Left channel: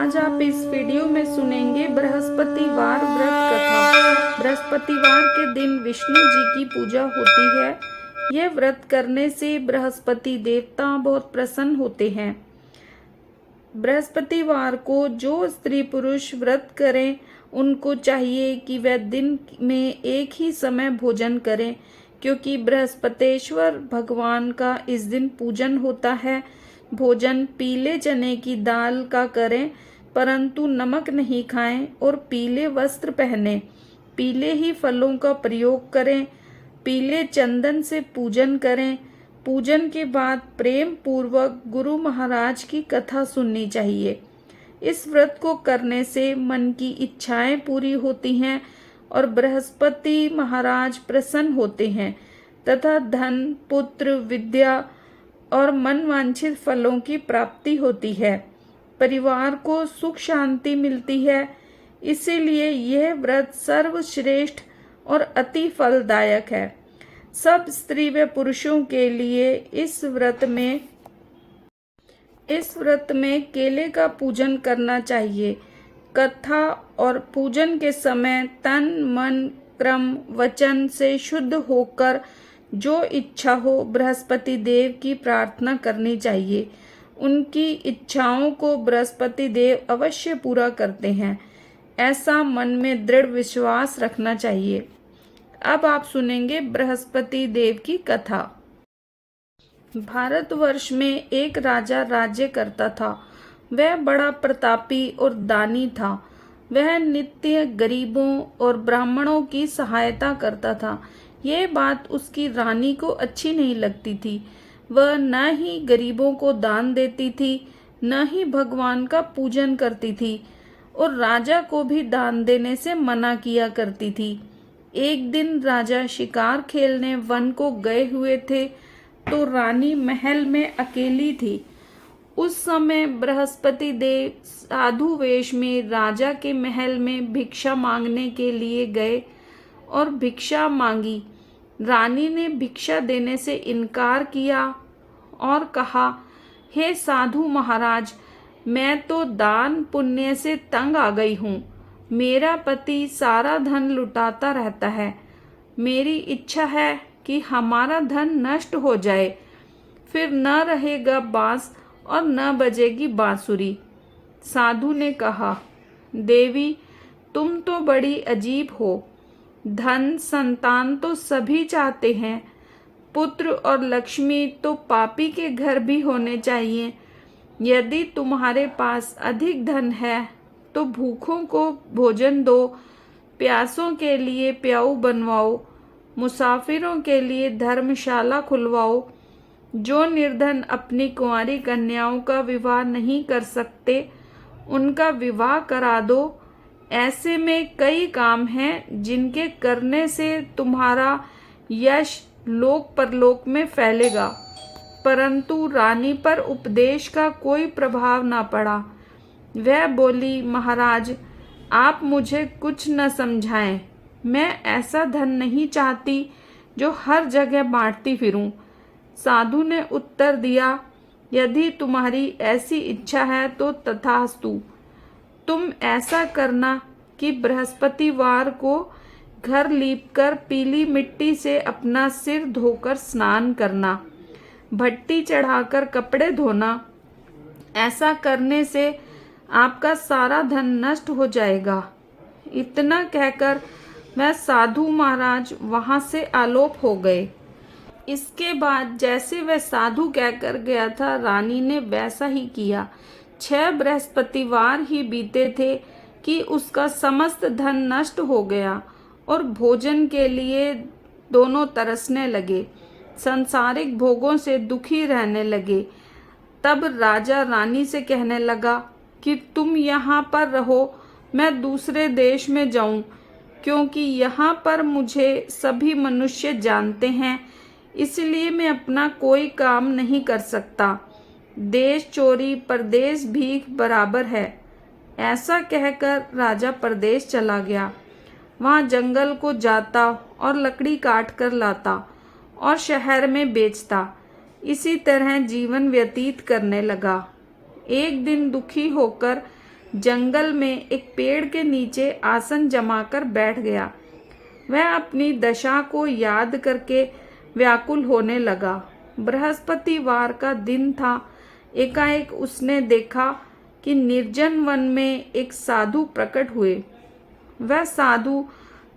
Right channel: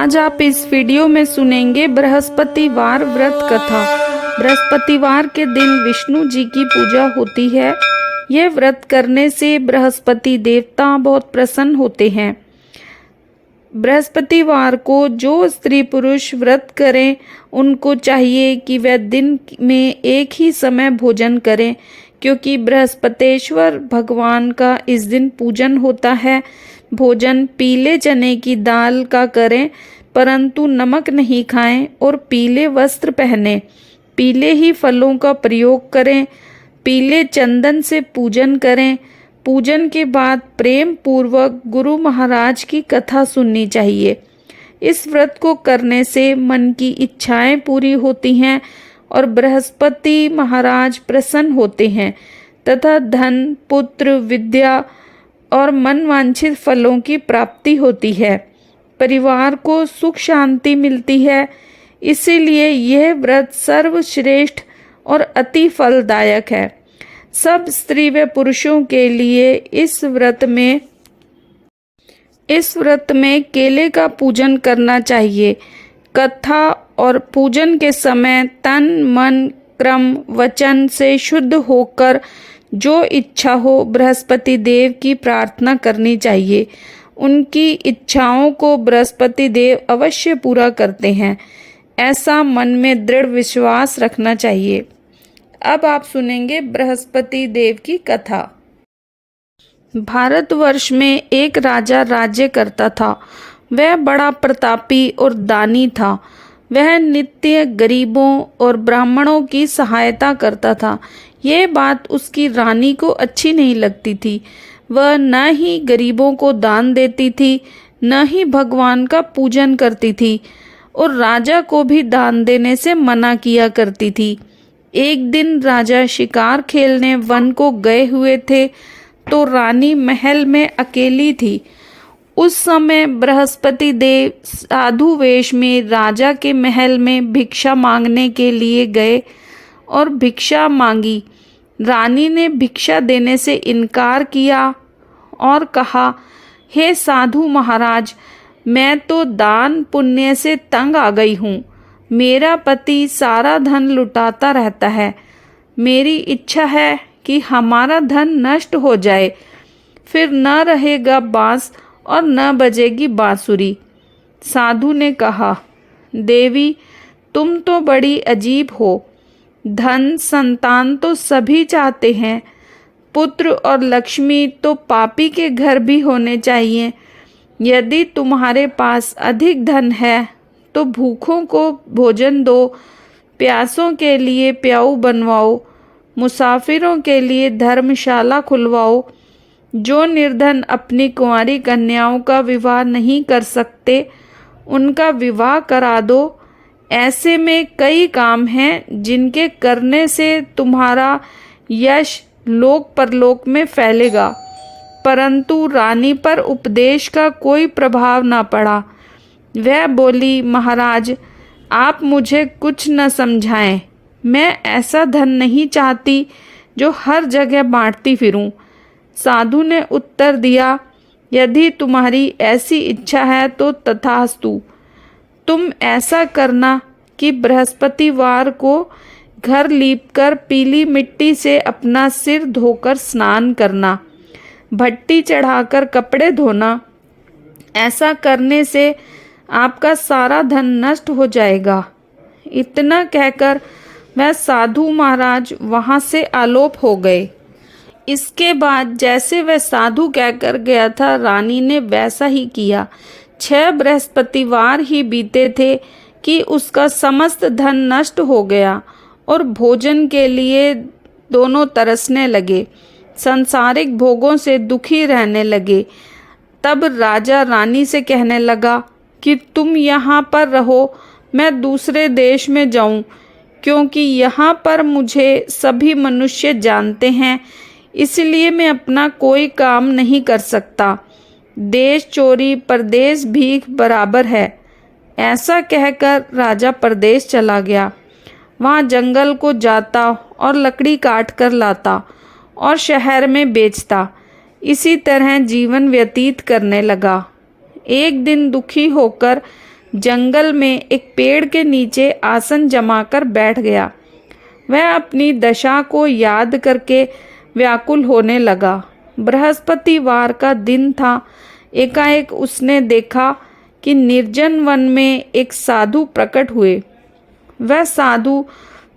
आज आप इस वीडियो में सुनेंगे बृहस्पतिवार व्रत कथा। बृहस्पतिवार के दिन विष्णु जी की पूजा होती है। यह व्रत करने से बृहस्पति देवता बहुत प्रसन्न होते हैं। बृहस्पतिवार को जो स्त्री पुरुष व्रत करें उनको चाहिए कि वह दिन में एक ही समय भोजन करें, क्योंकि बृहस्पतेश्वर भगवान का इस दिन पूजन होता है। भोजन पीले चने की दाल का करें, परंतु नमक नहीं खाएं और पीले वस्त्र पहनें। पीले ही फलों का प्रयोग करें। पीले चंदन से पूजन करें। पूजन के बाद प्रेम पूर्वक गुरु महाराज की कथा सुननी चाहिए। इस व्रत को करने से मन की इच्छाएं पूरी होती हैं और बृहस्पति महाराज प्रसन्न होते हैं तथा धन, पुत्र, विद्या और मनवांछित फलों की प्राप्ति होती है। परिवार को सुख शांति मिलती है। इसीलिए यह व्रत सर्वश्रेष्ठ और अति फलदायक है। सब स्त्री व पुरुषों के लिए इस व्रत में केले का पूजन करना चाहिए। कथा और पूजन के समय तन, मन, क्रम, वचन से शुद्ध होकर जो इच्छा हो बृहस्पति देव की प्रार्थना करनी चाहिए। उनकी इच्छाओं को बृहस्पति देव अवश्य पूरा करते हैं, ऐसा मन में दृढ़ विश्वास रखना चाहिए। अब आप सुनेंगे बृहस्पति देव की कथा। भारतवर्ष में एक राजा राज्य करता था। वह बड़ा प्रतापी और दानी था। वह नित्य गरीबों और ब्राह्मणों की सहायता करता था। यह बात उसकी रानी को अच्छी नहीं लगती थी। वह न ही गरीबों को दान देती थी, न ही भगवान का पूजन करती थी और राजा को भी दान देने से मना किया करती थी। एक दिन राजा शिकार खेलने वन को गए हुए थे तो रानी महल में अकेली थी। उस समय बृहस्पति देव साधु वेश में राजा के महल में भिक्षा मांगने के लिए गए और भिक्षा मांगी। रानी ने भिक्षा देने से इनकार किया और कहा, हे साधु महाराज, मैं तो दान पुण्य से तंग आ गई हूँ। मेरा पति सारा धन लुटाता रहता है। मेरी इच्छा है कि हमारा धन नष्ट हो जाए, फिर न रहेगा बांस और न बजेगी बांसुरी। साधु ने कहा, देवी, तुम तो बड़ी अजीब हो। धन, संतान तो सभी चाहते हैं। पुत्र और लक्ष्मी तो पापी के घर भी होने चाहिए। यदि तुम्हारे पास अधिक धन है तो भूखों को भोजन दो, प्यासों के लिए प्याऊ बनवाओ, मुसाफिरों के लिए धर्मशाला खुलवाओ। जो निर्धन अपनी कुंवारी कन्याओं का विवाह नहीं कर सकते, उनका विवाह करा दो। ऐसे में कई काम हैं जिनके करने से तुम्हारा यश लोक परलोक में फैलेगा। परंतु रानी पर उपदेश का कोई प्रभाव न पड़ा। वह बोली, महाराज, आप मुझे कुछ न समझाएं। मैं ऐसा धन नहीं चाहती जो हर जगह बांटती फिरूं। साधु ने उत्तर दिया, यदि तुम्हारी ऐसी इच्छा है तो तथास्तु। तुम ऐसा करना कि बृहस्पतिवार को घर लीपकर पीली मिट्टी से अपना सिर धोकर स्नान करना, भट्टी चढ़ाकर कपड़े धोना। ऐसा करने से आपका सारा धन नष्ट हो जाएगा। इतना कहकर वह साधु महाराज वहाँ से आलोप हो गए। इसके बाद जैसे वह साधु कहकर गया था, रानी ने वैसा ही किया। 6 बृहस्पतिवार ही बीते थे कि उसका समस्त धन नष्ट हो गया और भोजन के लिए दोनों तरसने लगे, सांसारिक भोगों से दुखी रहने लगे। तब राजा रानी से कहने लगा कि तुम यहाँ पर रहो, मैं दूसरे देश में जाऊँ, क्योंकि यहाँ पर मुझे सभी मनुष्य जानते हैं, इसलिए मैं अपना कोई काम नहीं कर सकता। देश चोरी परदेश भीख बराबर है। ऐसा कहकर राजा परदेश चला गया। वहाँ जंगल को जाता और लकड़ी काट कर लाता और शहर में बेचता। इसी तरह जीवन व्यतीत करने लगा। एक दिन दुखी होकर जंगल में एक पेड़ के नीचे आसन जमाकर बैठ गया। वह अपनी दशा को याद करके व्याकुल होने लगा। बृहस्पतिवार का दिन था। एकाएक उसने देखा कि निर्जन वन में एक साधु प्रकट हुए। वह साधु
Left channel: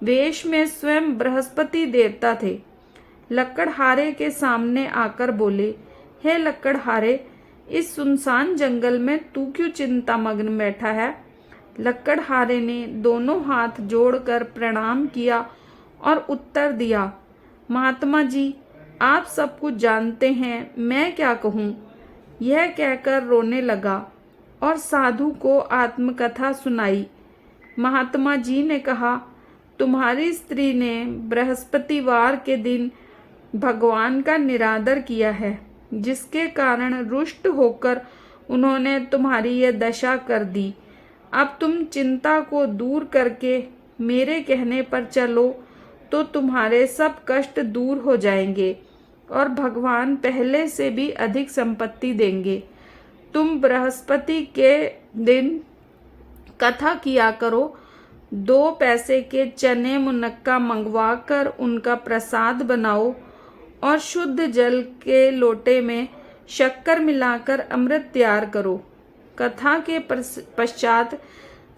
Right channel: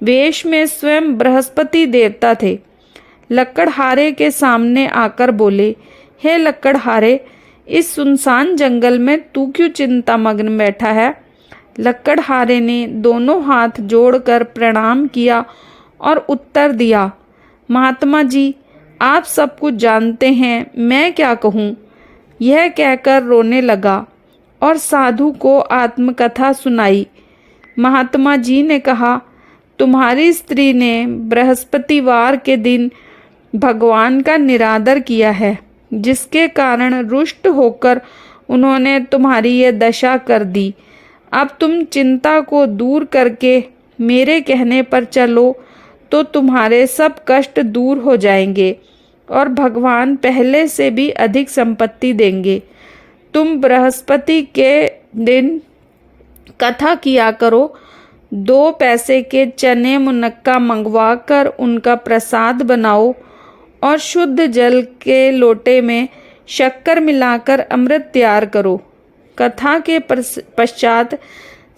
वेश में स्वयं बृहस्पति देवता थे। लकड़हारे के सामने आकर बोले, हे लकड़हारे, इस सुनसान जंगल में तू क्यों चिंतामग्न बैठा है? लकड़हारे ने दोनों हाथ जोड़कर प्रणाम किया और उत्तर दिया, महात्मा जी, आप सब कुछ जानते हैं, मैं क्या कहूँ। यह कहकर रोने लगा और साधु को आत्मकथा सुनाई। महात्मा जी ने कहा, तुम्हारी स्त्री ने बृहस्पतिवार के दिन भगवान का निरादर किया है, जिसके कारण रुष्ट होकर उन्होंने तुम्हारी ये दशा कर दी। अब तुम चिंता को दूर करके मेरे कहने पर चलो तो तुम्हारे सब कष्ट दूर हो जाएंगे और भगवान पहले से भी अधिक संपत्ति देंगे। तुम बृहस्पति के दिन कथा किया करो। 2 पैसे के चने मुनक्का मंगवा कर उनका प्रसाद बनाओ और शुद्ध जल के लोटे में शक्कर मिलाकर अमृत तैयार करो। कथा के पश्चात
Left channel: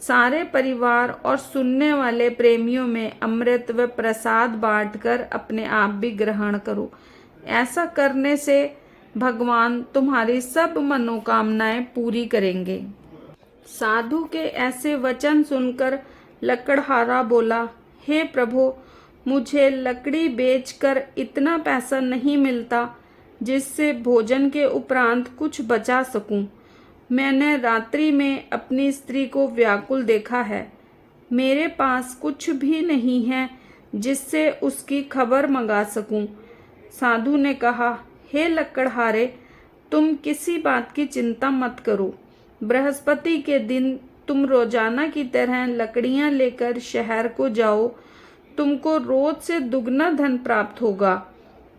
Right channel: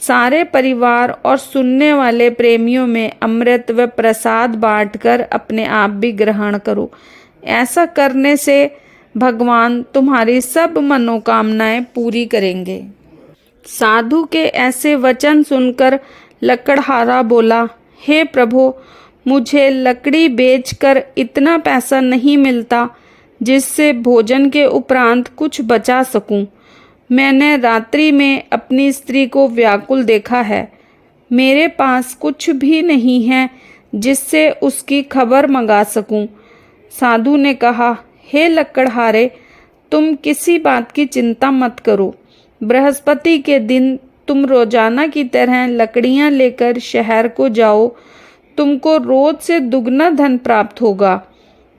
सारे परिवार और सुनने वाले प्रेमियों में अमृत व प्रसाद बांटकर अपने आप भी ग्रहण करो। ऐसा करने से भगवान तुम्हारी सब मनोकामनाएं पूरी करेंगे। साधु के ऐसे वचन सुनकर लकड़हारा बोला, हे प्रभु, मुझे लकड़ी बेचकर इतना पैसा नहीं मिलता जिससे भोजन के उपरांत कुछ बचा सकूं। मैंने रात्रि में अपनी स्त्री को व्याकुल देखा है। मेरे पास कुछ भी नहीं है जिससे उसकी खबर मंगा सकूं। साधु ने कहा, हे लकड़हारे, तुम किसी बात की चिंता मत करो। बृहस्पति के दिन तुम रोजाना की तरह लकड़ियां लेकर शहर को जाओ। तुमको रोज से दुगना धन प्राप्त होगा,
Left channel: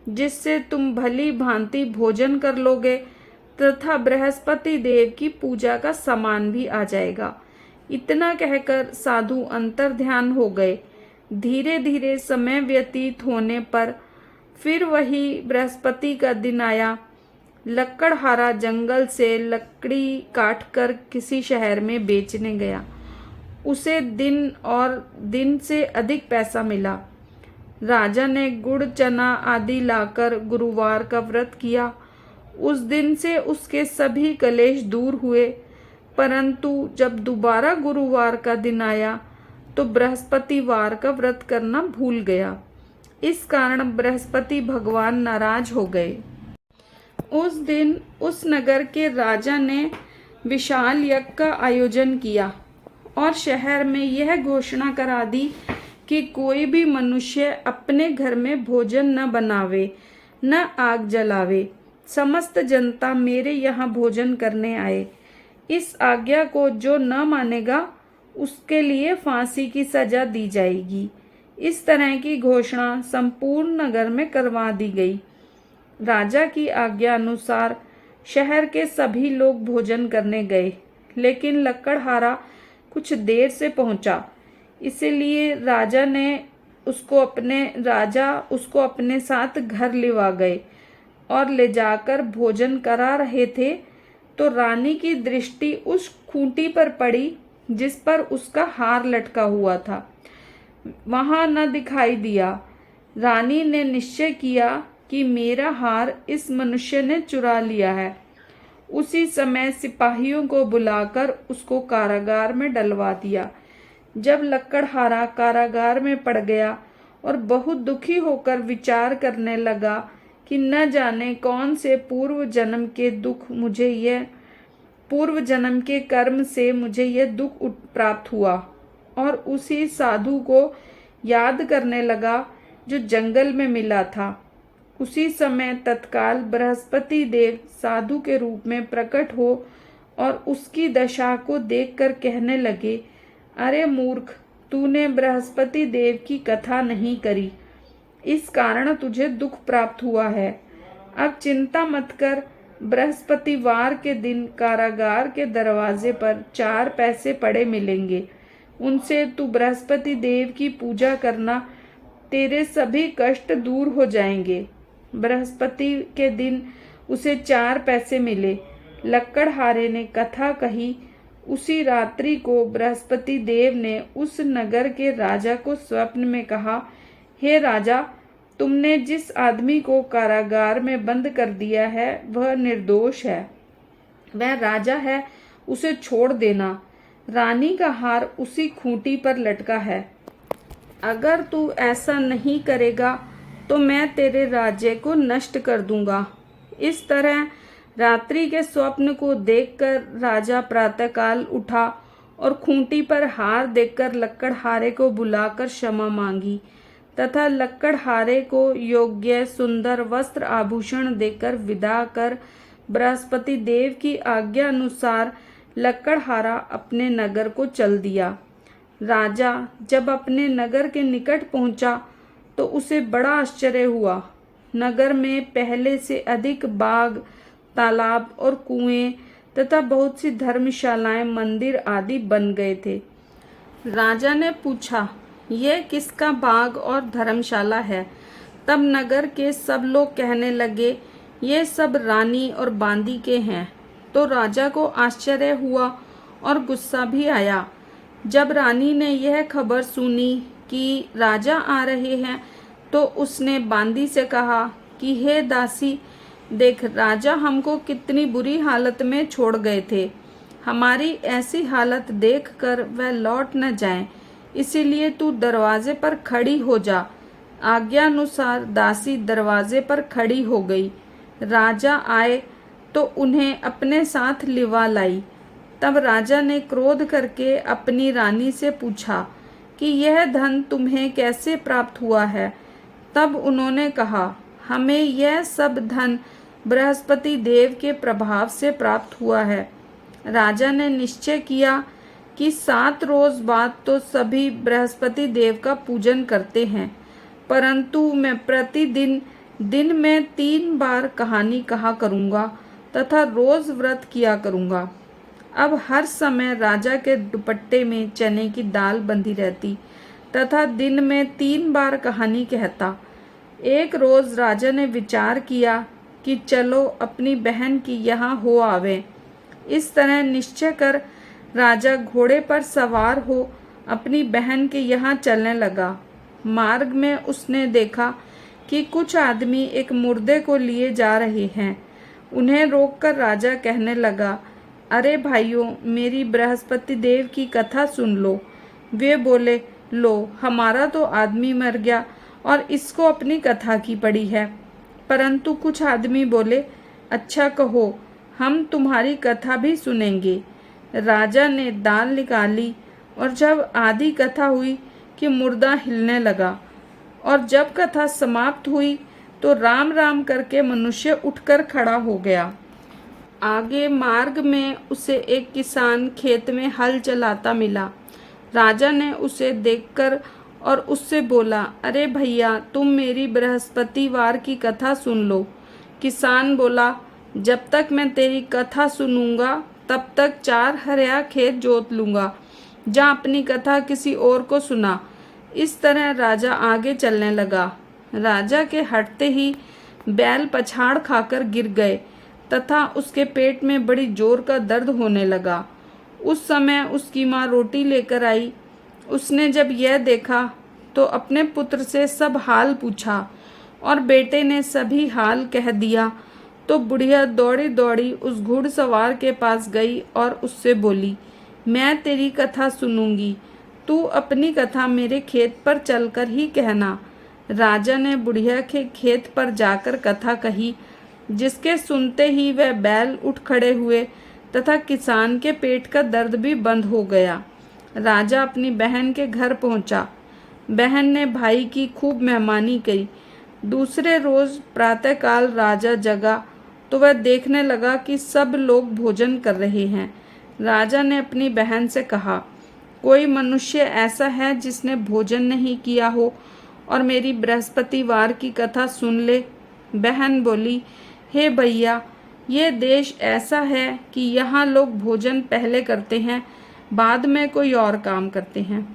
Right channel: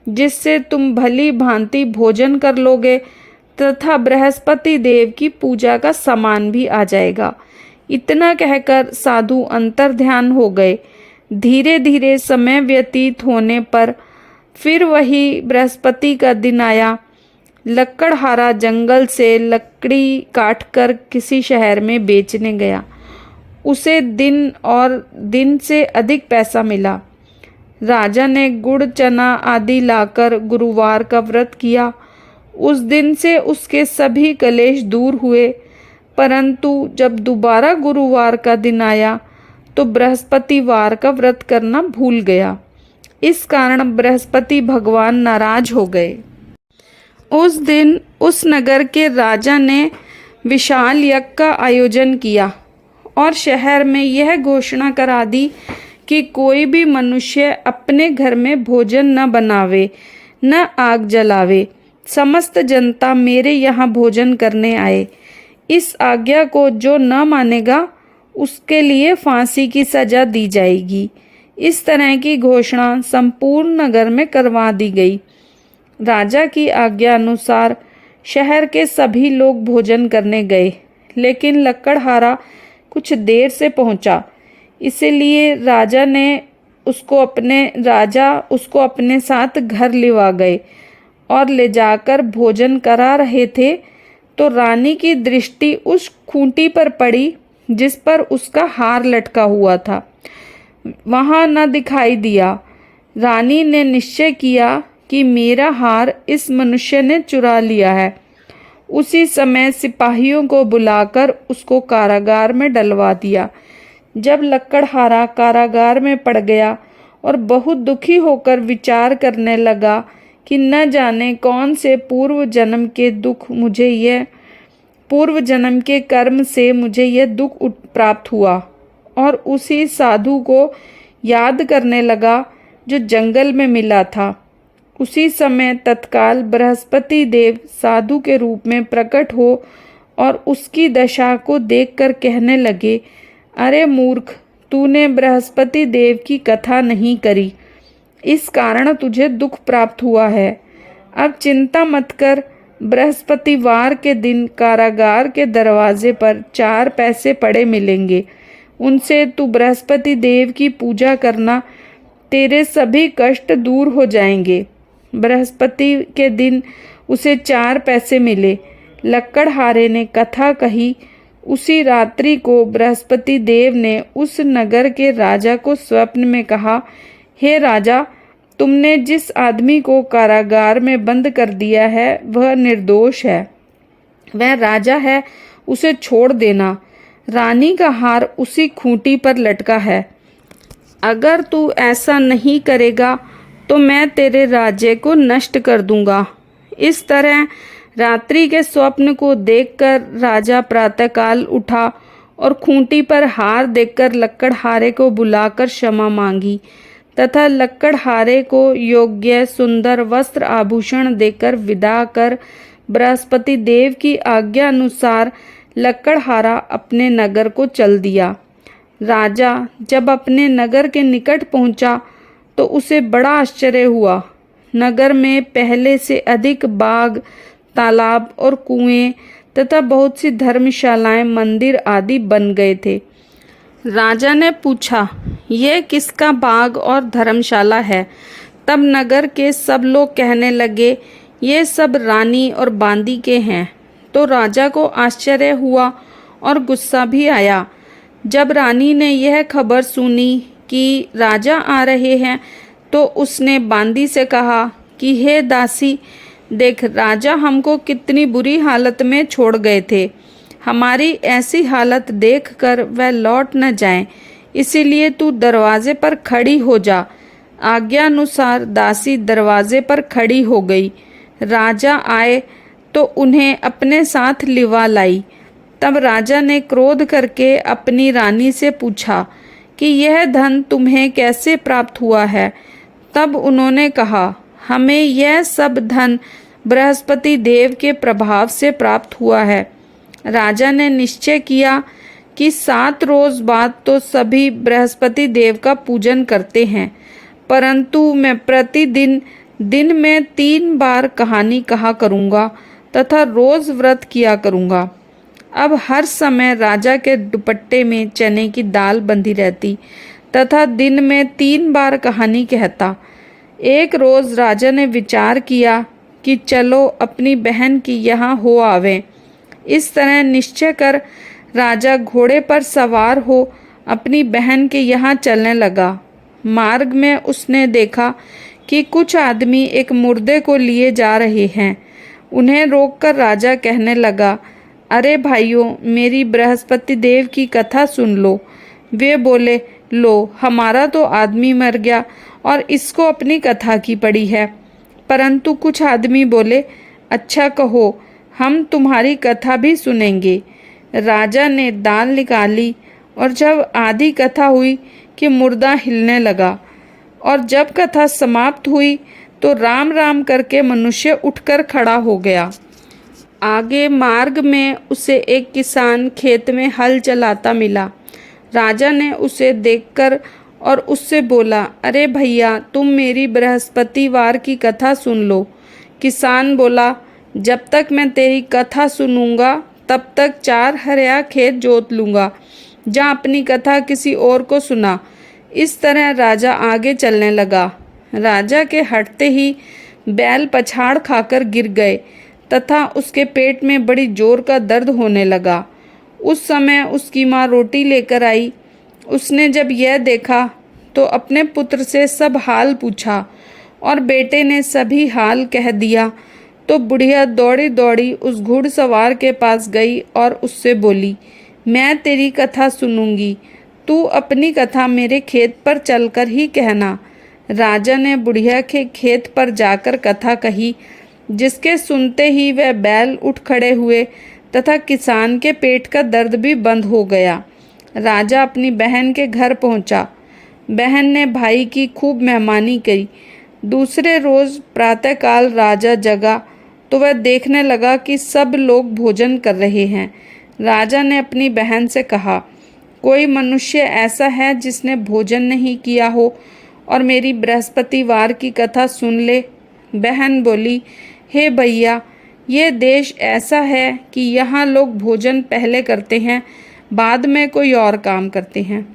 जिससे तुम भली भांति भोजन कर लोगे तथा बृहस्पति देव की पूजा का सामान भी आ जाएगा। इतना कहकर साधु अंतर्ध्यान हो गए। धीरे धीरे समय व्यतीत होने पर फिर वही बृहस्पति का दिन आया। लकड़हारा जंगल से लकड़ी काटकर किसी शहर में बेचने गया। उसे दिन से अधिक पैसा मिला। राजा ने गुड़ चना आदि लाकर गुरुवार का व्रत किया। उस दिन से उसके सभी कलेश दूर हुए। परंतु जब दोबारा गुरुवार का दिन आया तो बृहस्पतिवार का व्रत करना भूल गया। इस कारण बृहस्पति भगवान नाराज हो गए। उस दिन उस नगर के राजा ने विशाल यज्ञ का आयोजन किया और शहर में यह घोषणा करा दी कि कोई भी मनुष्य अपने घर में भोजन न बनावे, न आग जलावे। समस्त जनता मेरे यहाँ भोजन करने आए। इस आज्ञा को जो न मानेगा उसके लिए फांसी की सजा दी जाएगी। इस तरह की घोषणा संपूर्ण नगर में करवा दी गई। राजा की आज्ञा अनुसार शहर के सभी लोग भोजन करने गए, लेकिन लकड़हारा कुछ देर से पहुंचा। इसलिए राजा उसको अपने साथ घर लिवा गए और ले जाकर भोजन करा रहे थे तो रानी की दृष्टि उस खूंटी पर पड़ी जिस पर उसका हार लटका हुआ था। वहां न दिखाई दिया। रानी ने निश्चय किया कि मेरा हार इस मनुष्य ने चुरा लिया है। उसी समय सिपाहियों को बुलाकर उसको कारागार में डलवा दिया। जब लकड़हारा कारागार में पड़ गया और बहुत दुखी होकर विचार करने लगा कि न जाने कौन से पूर्व जन्म के कर्म से मुझे यह दुख प्राप्त हुआ, और उसी साधु को याद करने लगा जो जंगल में मिला था। उसी समय तत्काल बृहस्पति देव साधु के रूप में प्रकट हो और उसकी दशा को देखकर कहने लगे, अरे मूर्ख, तूने बृहस्पति देव की कथा नहीं करी, इस कारण तुझे दुख प्राप्त हुआ है। अब चिंता मत कर, बृहस्पतिवार के दिन कारागार के दरवाजे पर 4 पैसे पड़े मिलेंगे। उनसे तू बृहस्पति देव की पूजा करना, तेरे सभी कष्ट दूर हो जाएंगे। बृहस्पति के दिन उसे 4 पैसे मिले। लक्कड़हारे ने कथा कही। उसी रात्रि को बृहस्पति देव ने उस नगर के राजा को स्वप्न में कहा, हे राजा, तुमने जिस आदमी को कारागार में बंद कर दिया है वह निर्दोष है, वह राजा है, उसे छोड़ देना। रानी का हार उसी खूंटी पर लटका है। अगर तू ऐसा नहीं करेगा तो मैं तेरे राज्य को नष्ट कर दूंगा। इस तरह रात्रि के स्वप्न को देखकर राजा प्रातःकाल उठा और खूंटी पर हार देखकर लक्कड़हारे को बुलाकर क्षमा मांगी तथा लक्कड़हारे को योग्य सुंदर वस्त्र आभूषण देकर विदा कर बृहस्पति देव की आज्ञा अनुसार लक्कड़हारा अपने नगर को चल दिया। राजा जब अपने नगर के निकट पहुंचा तो उसे बड़ा आश्चर्य हुआ। नगर में पहले से अधिक बाग, तालाब और कुएं तथा बहुत सी धर्मशालाएं, मंदिर आदि बन गए थे। राजा ने पूछा, यह किसका बाग और धर्मशाला है? तब नगर के सब लोग कहने लगे, ये सब रानी और बांदी के हैं। तो राजा को आश्चर्य हुआ और गुस्सा भी आया। जब रानी ने यह खबर सुनी कि राजा आ रहे हैं तो उसने बांदी से कहा कि हे दासी, देख, राजा हमको कितनी बुरी हालत में छोड़ गए थे। हमारी ऐसी हालत देखकर वह लौट न जाएं, इसीलिए तू दरवाजे पर खड़ी हो जा। आज्ञा अनुसार दासी दरवाजे पर खड़ी हो गई। राजा आए तो उन्हें अपने साथ लिवा लाई। तब राजा ने क्रोध करके अपनी रानी से पूछा कि यह धन तुम्हें कैसे प्राप्त हुआ है? तब उन्होंने कहा, हमें यह सब धन बृहस्पति देव के प्रभाव से प्राप्त हुआ है। राजा ने निश्चय किया कि 7 रोज बाद तो सभी बृहस्पति देव का पूजन करते हैं, परंतु मैं प्रतिदिन दिन में 3 बार कहानी कहा करूँगा तथा रोज व्रत किया करूँगा। अब हर समय राजा के दुपट्टे में चने की दाल बंधी रहती तथा दिन में 3 बार कहानी कहता। एक रोज राजा ने विचार किया कि चलो अपनी बहन की यहाँ हो आवें। इस तरह निश्चय कर राजा घोड़े पर सवार हो अपनी बहन के यहाँ चलने लगा। मार्ग में उसने देखा कि कुछ आदमी एक मुर्दे को लिए जा रहे हैं। उन्हें रोककर राजा कहने लगा, अरे भाइयों, मेरी बृहस्पति देव की कथा सुन लो। वे बोले, लो, हमारा तो आदमी मर गया और इसको अपनी कथा की पड़ी है। परंतु कुछ आदमी बोले, अच्छा कहो, हम तुम्हारी कथा भी सुनेंगे। राजा ने दाल निकाली और जब आधी कथा हुई कि मुर्दा हिलने लगा और जब कथा समाप्त हुई तो राम राम करके मनुष्य उठकर खड़ा हो गया। आगे मार्ग में उसे एक किसान खेत में हल चलाता मिला। राजा ने उसे देखकर और उससे बोला, अरे भैया, तुम मेरी बृहस्पतिवार की कथा सुन लो। किसान बोला, जब तक मैं तेरी कथा सुनूंगा तब तक 4 हरिया खेत जोत लूँगा। जा अपनी कथा किसी और को सुना। इस तरह राजा आगे चलने लगा। राजा के हटते ही बैल पछाड़ खाकर गिर गए तथा उसके पेट में बड़ी जोर का दर्द होने लगा। उस समय उसकी माँ रोटी लेकर आई। उसने जब यह देखा तो अपने पुत्र से सब हाल पूछा और बेटे ने सभी हाल कह दिया। तो बुढ़िया दौड़ी दौड़ी उस घुड़सवार के पास गई और उससे बोली, मैं तेरी कथा सुनूंगी, तू अपनी कथा मेरे खेत पर चलकर ही कहना। राजा ने बुढ़िया के खेत पर जाकर कथा कही, जिसके सुनते ही वह बैल उठ खड़े हुए तथा किसान के पेट का दर्द भी बंद हो गया। राजा अपनी बहन के घर पहुंचा। बहन ने भाई की खूब मेहमानी की। दूसरे रोज प्रातःकाल राजा जगा तो वह देखने लगा कि सब लोग भोजन कर रहे हैं। राजा ने अपनी बहन से कहा, कोई मनुष्य ऐसा है जिसने भोजन नहीं किया हो और मेरी बृहस्पतिवार की कथा सुन ले? बहन बोली, हे भैया, ये देश ऐसा है कि यहाँ लोग भोजन पहले करते हैं, बाद में कोई और काम करते हैं।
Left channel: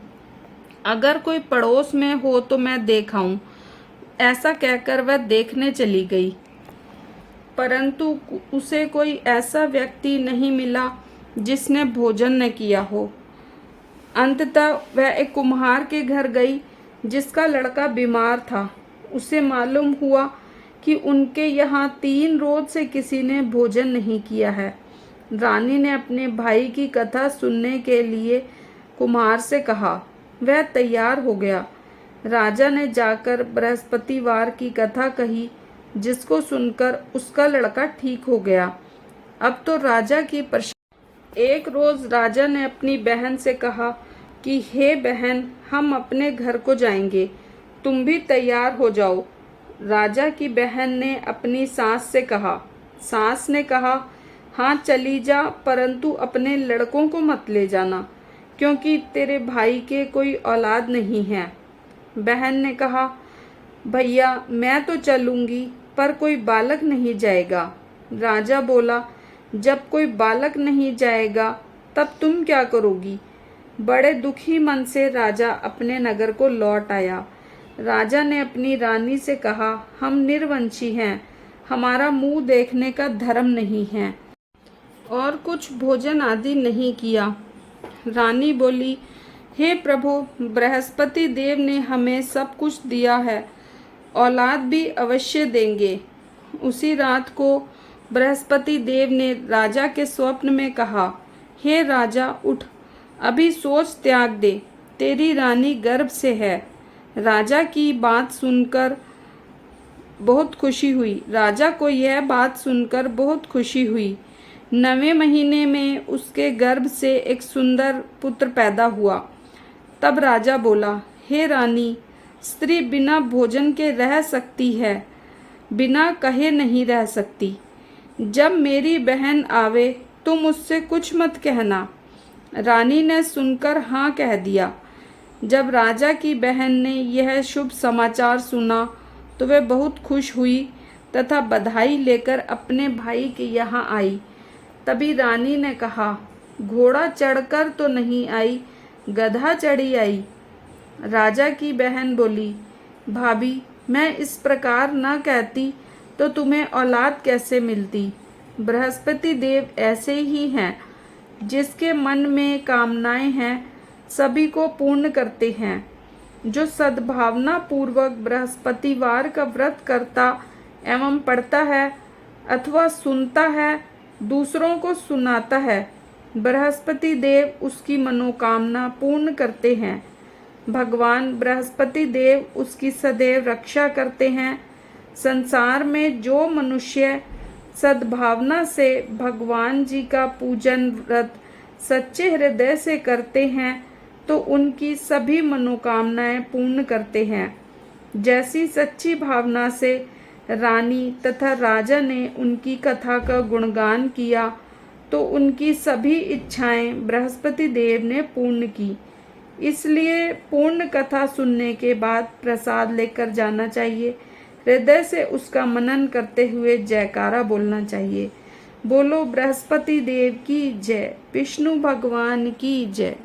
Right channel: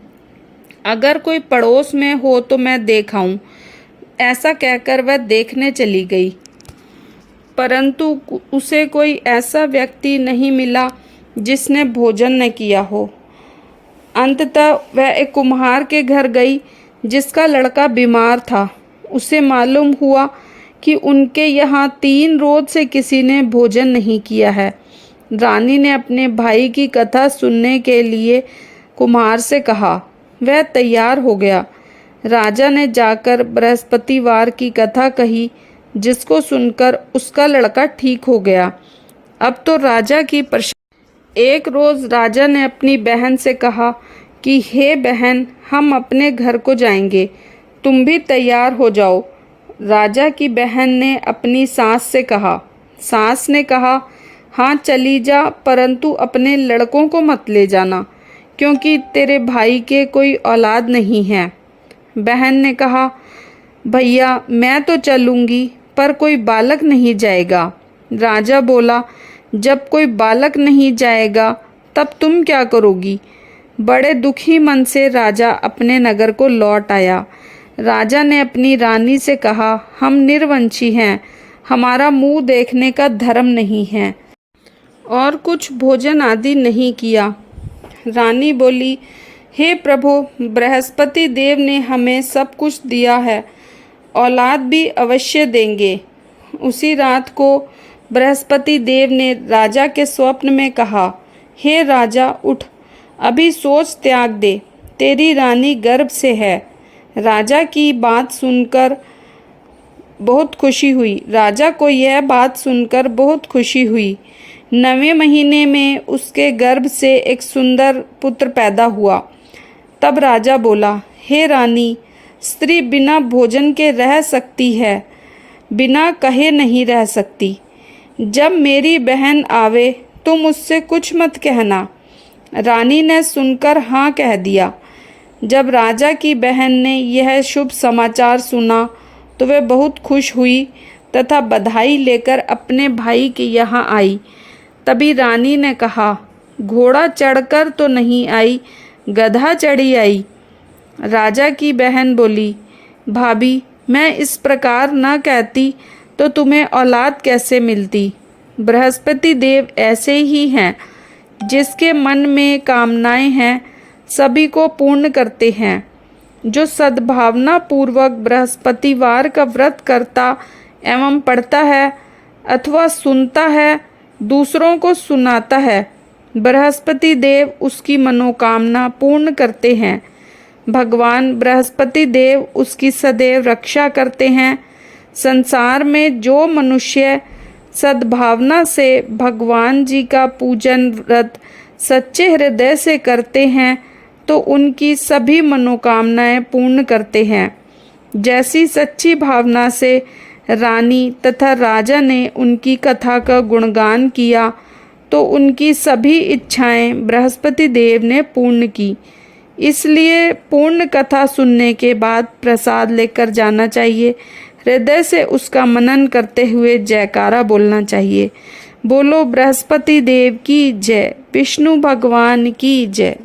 अगर कोई पड़ोस में हो तो मैं देख आऊं। ऐसा कहकर वह देखने चली गई, परंतु उसे कोई ऐसा व्यक्ति नहीं मिला जिसने भोजन न किया हो। अंततः वह एक कुम्हार के घर गई जिसका लड़का बीमार था। उसे मालूम हुआ कि उनके यहाँ 3 रोज से किसी ने भोजन नहीं किया है। रानी ने अपने भाई की कथा सुनने के लिए कुम्हार से कहा। वह तैयार हो गया। राजा ने जाकर बृहस्पतिवार की कथा कही, जिसको सुनकर उसका लड़का ठीक हो गया। अब तो राजा की एक रोज राजा ने अपनी बहन से कहा कि हे बहन, हम अपने घर को जाएंगे, तुम भी तैयार हो जाओ। राजा की बहन ने अपनी सास से कहा। सास ने कहा, हाँ चली जा, परंतु अपने लड़कों को मत ले जाना, क्योंकि तेरे भाई के कोई औलाद नहीं है। बहन ने कहा, भैया मैं तो चलूँगी, पर कोई बालक नहीं जाएगा। राजा बोला, जब कोई बालक नहीं जाएगा तब तुम क्या करोगी? बड़े दुखी मन से राजा अपने नगर को लौट आया। राजा ने अपनी रानी से कहा, हम निर्वंशी हैं, हमारा मुंह देखने का धर्म नहीं है, और कुछ भोजन आदि नहीं किया। रानी बोली, हे प्रभु, बृहस्पति देव ने हमें सब कुछ दिया है, औलाद भी अवश्य देंगे। उसी रात को बृहस्पति देव ने राजा के स्वप्न में कहा, हे राजा उठ, अभी सोच त्याग दे, तेरी रानी गर्भ से है। राजा की बात सुनकर बहुत खुशी हुई। राजा को यह बात सुनकर बहुत खुशी हुई। 9वें महीने में उसके गर्भ से एक सुंदर पुत्र पैदा हुआ। तब राजा बोला, हे रानी, स्त्री बिना भोजन के रह सकती है, बिना कहे नहीं रह सकती। जब मेरी बहन आवे तो मुझसे कुछ मत कहना। रानी ने सुनकर हाँ कह दिया। जब राजा की बहन ने यह शुभ समाचार सुना तो वह बहुत खुश हुई तथा बधाई लेकर अपने भाई के यहाँ आई। तभी रानी ने कहा, घोड़ा चढ़कर तो नहीं आई, गधा चढ़ी आई। राजा की बहन बोली, भाभी, मैं इस प्रकार न कहती तो तुम्हें औलाद कैसे मिलती? बृहस्पति देव ऐसे ही हैं, जिसके मन में कामनाएं हैं सभी को पूर्ण करते हैं। जो सद्भावना पूर्वक बृहस्पतिवार का व्रत करता एवं पढ़ता है अथवा सुनता है, दूसरों को सुनाता है, बृहस्पति देव उसकी मनोकामना पूर्ण करते हैं। भगवान बृहस्पति देव उसकी सदैव रक्षा करते हैं। संसार में जो मनुष्य सद्भावना से भगवान जी का पूजन व्रत सच्चे हृदय से करते हैं तो उनकी सभी मनोकामनाएं पूर्ण करते हैं। जैसी सच्ची भावना से रानी तथा राजा ने उनकी कथा का गुणगान किया तो उनकी सभी इच्छाएं बृहस्पति देव ने पूर्ण की। इसलिए पूर्ण कथा सुनने के बाद प्रसाद लेकर जाना चाहिए। हृदय से उसका मनन करते हुए जयकारा बोलना चाहिए। बोलो बृहस्पति देव की जय, विष्णु भगवान की जय।